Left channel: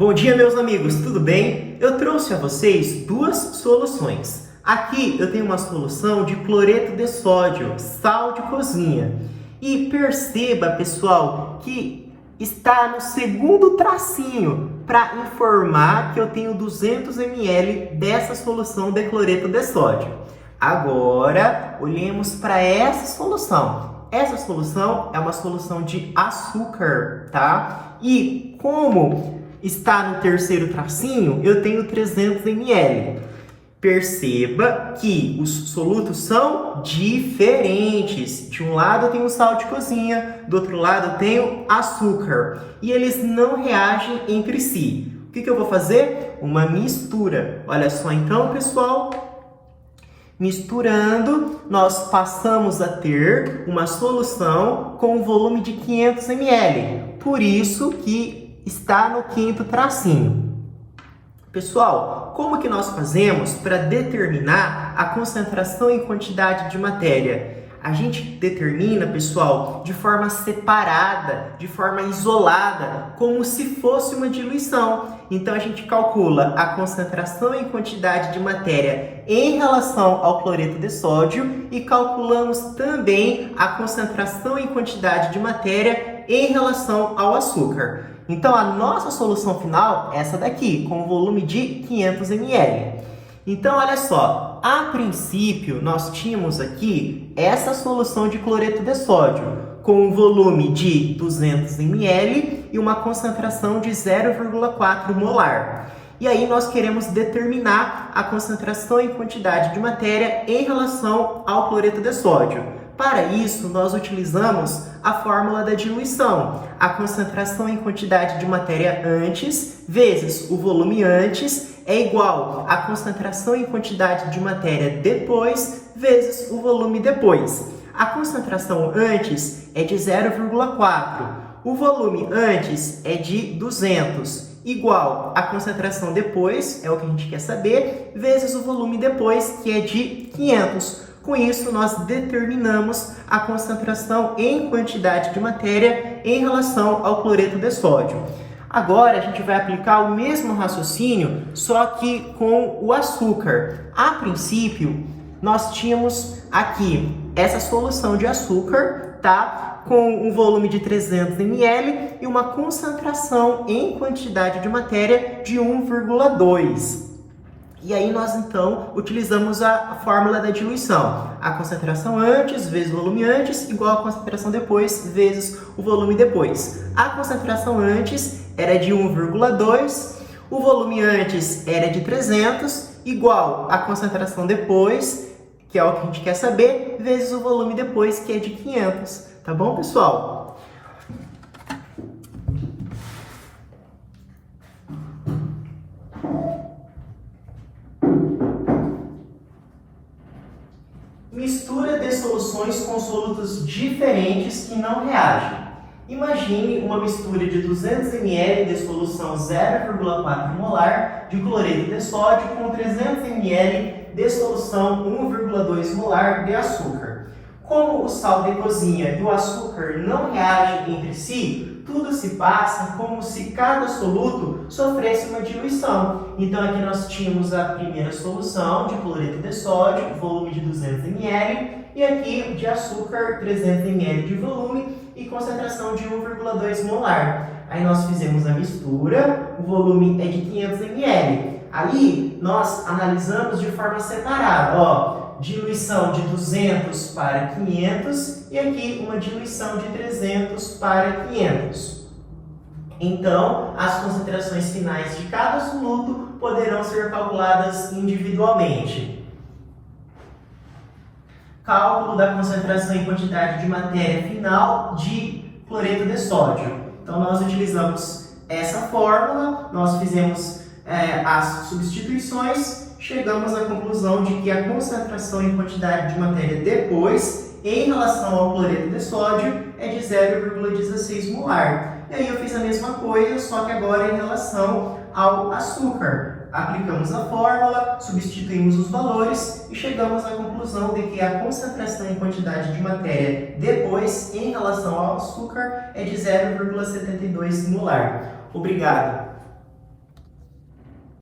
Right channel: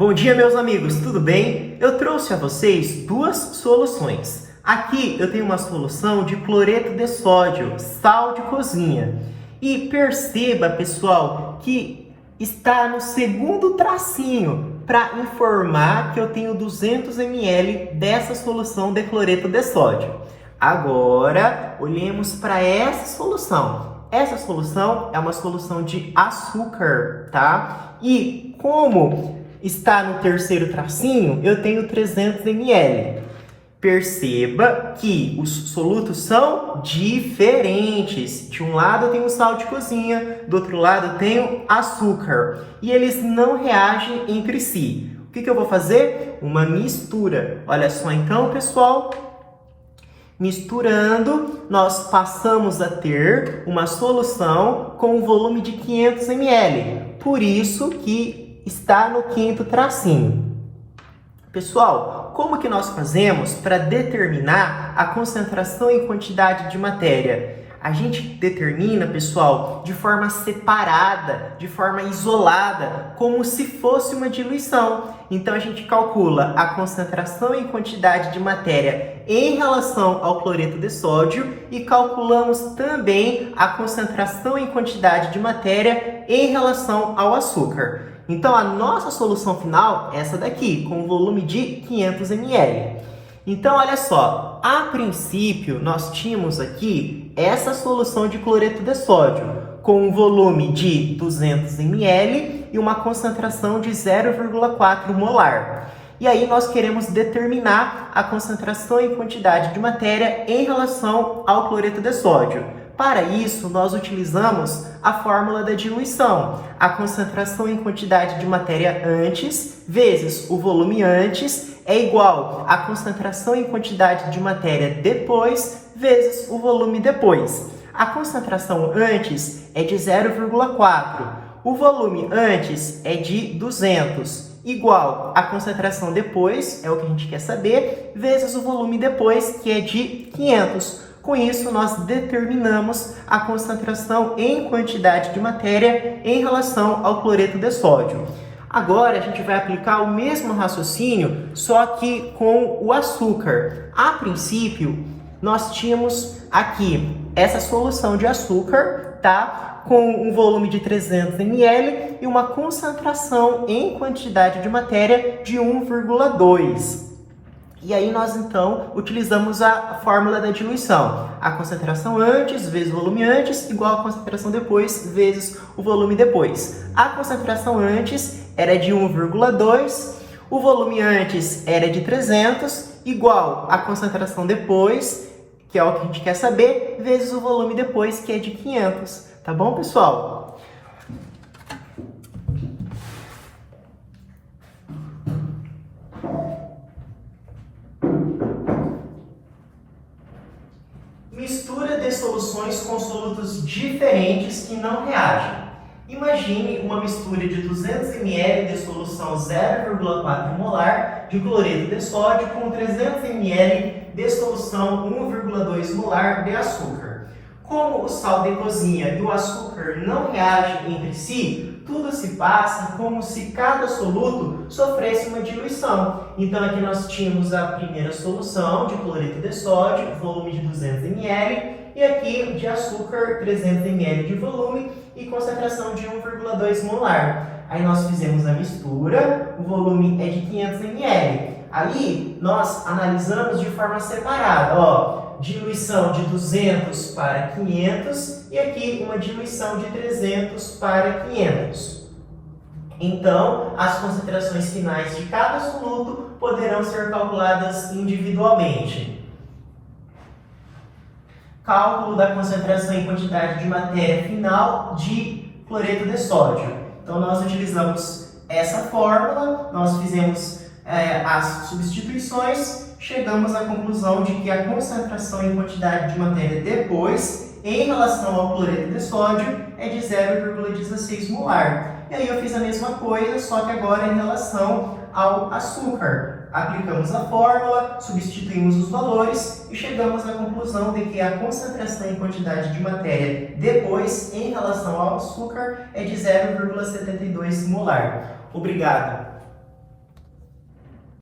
Bom dia, meus amigos, tudo bem? Eu trouxe a vocês duas soluções. Aqui eu tenho uma solução de cloreto de sódio, sal de cozinha. E perceba, pessoal, que está no segundo tracinho para informar que eu tenho 200 ml dessa solução de cloreto de sódio. Agora, olhemos para essa solução. Essa solução é uma solução de açúcar, tá? E como está no terceiro tracinho, eu tenho 300 ml. Perceba que os solutos são diferentes. De um lado eu tenho sal de cozinha, do outro lado eu tenho açúcar. E eles não reagem entre si. O que eu vou fazer? Uma mistura. Olha só então, pessoal. Misturando, nós passamos a ter uma solução com um volume de 500 ml. Por isso que está no quinto tracinho. Pessoal, como que nós fazemos para determinar a concentração e quantidade de matéria? A gente determina, pessoal, de forma separada, de forma isolada, como se fosse uma diluição. Então, a gente calcula a concentração e quantidade de matéria em relação ao cloreto de sódio e calculamos também a concentração e quantidade de matéria em relação ao açúcar. Então, a nossa solução final é essa daqui, com um volume de 500 ml. Então, olha só, a princípio, nós tínhamos aqui essa solução de cloreto de sódio, com um volume de 200 ml e uma concentração de 0,4 molar. E aí, nós queremos determinar a concentração e quantidade de matéria em relação ao cloreto de sódio. Para isso, nós utilizamos a fórmula da diluição. A concentração em quantidade de matéria antes vezes o volume antes é igual à concentração em quantidade de matéria depois vezes o volume depois. A concentração antes é de 0,4. O volume antes é de 200. Igual à concentração depois, é o que a gente quer saber, vezes o volume depois, que é de 500. Com isso, nós determinamos a concentração em quantidade de matéria em relação ao cloreto de sódio. Agora, a gente vai aplicar o mesmo raciocínio, só que com o açúcar. A princípio, nós tínhamos aqui essa solução de açúcar, tá? Com um volume de 300 ml e uma concentração em quantidade de matéria de 1,2. E aí nós, então, utilizamos a fórmula da diluição. A concentração antes vezes o volume antes igual a concentração depois vezes o volume depois. A concentração antes era de 1,2, o volume antes era de 300, igual a concentração depois, que é o que a gente quer saber, vezes o volume depois, que é de 500. Tá bom, pessoal? Mistura de soluções com solutos diferentes que não reagem. Imagine uma mistura de 200 ml de solução 0,4 molar de cloreto de sódio com 300 ml de solução 1,2 molar de açúcar. Como o sal de cozinha e o açúcar não reagem entre si, tudo se passa como se cada soluto sofresse uma diluição. Então, aqui nós tínhamos a primeira solução de cloreto de sódio, volume de 200 ml, e aqui de açúcar, 300 ml de volume e concentração de 1,2 molar. Aí nós fizemos a mistura, o volume é de 500 ml. Ali, nós analisamos de forma separada, ó. Diluição de 200 para 500 e aqui uma diluição de 300 para 500. Então, as concentrações finais de cada soluto poderão ser calculadas individualmente. Cálculo da concentração e quantidade de matéria final de cloreto de sódio. Então, nós utilizamos essa fórmula, nós fizemos as substituições, chegamos à conclusão de que a concentração e quantidade de matéria depois, em relação ao cloreto de sódio, é de 0,16 molar. E aí eu fiz a mesma coisa, só que agora em relação ao açúcar. Aplicamos a fórmula, substituímos os valores e chegamos à conclusão de que a concentração e quantidade de matéria depois, em relação ao açúcar, é de 0,72 molar. Obrigado!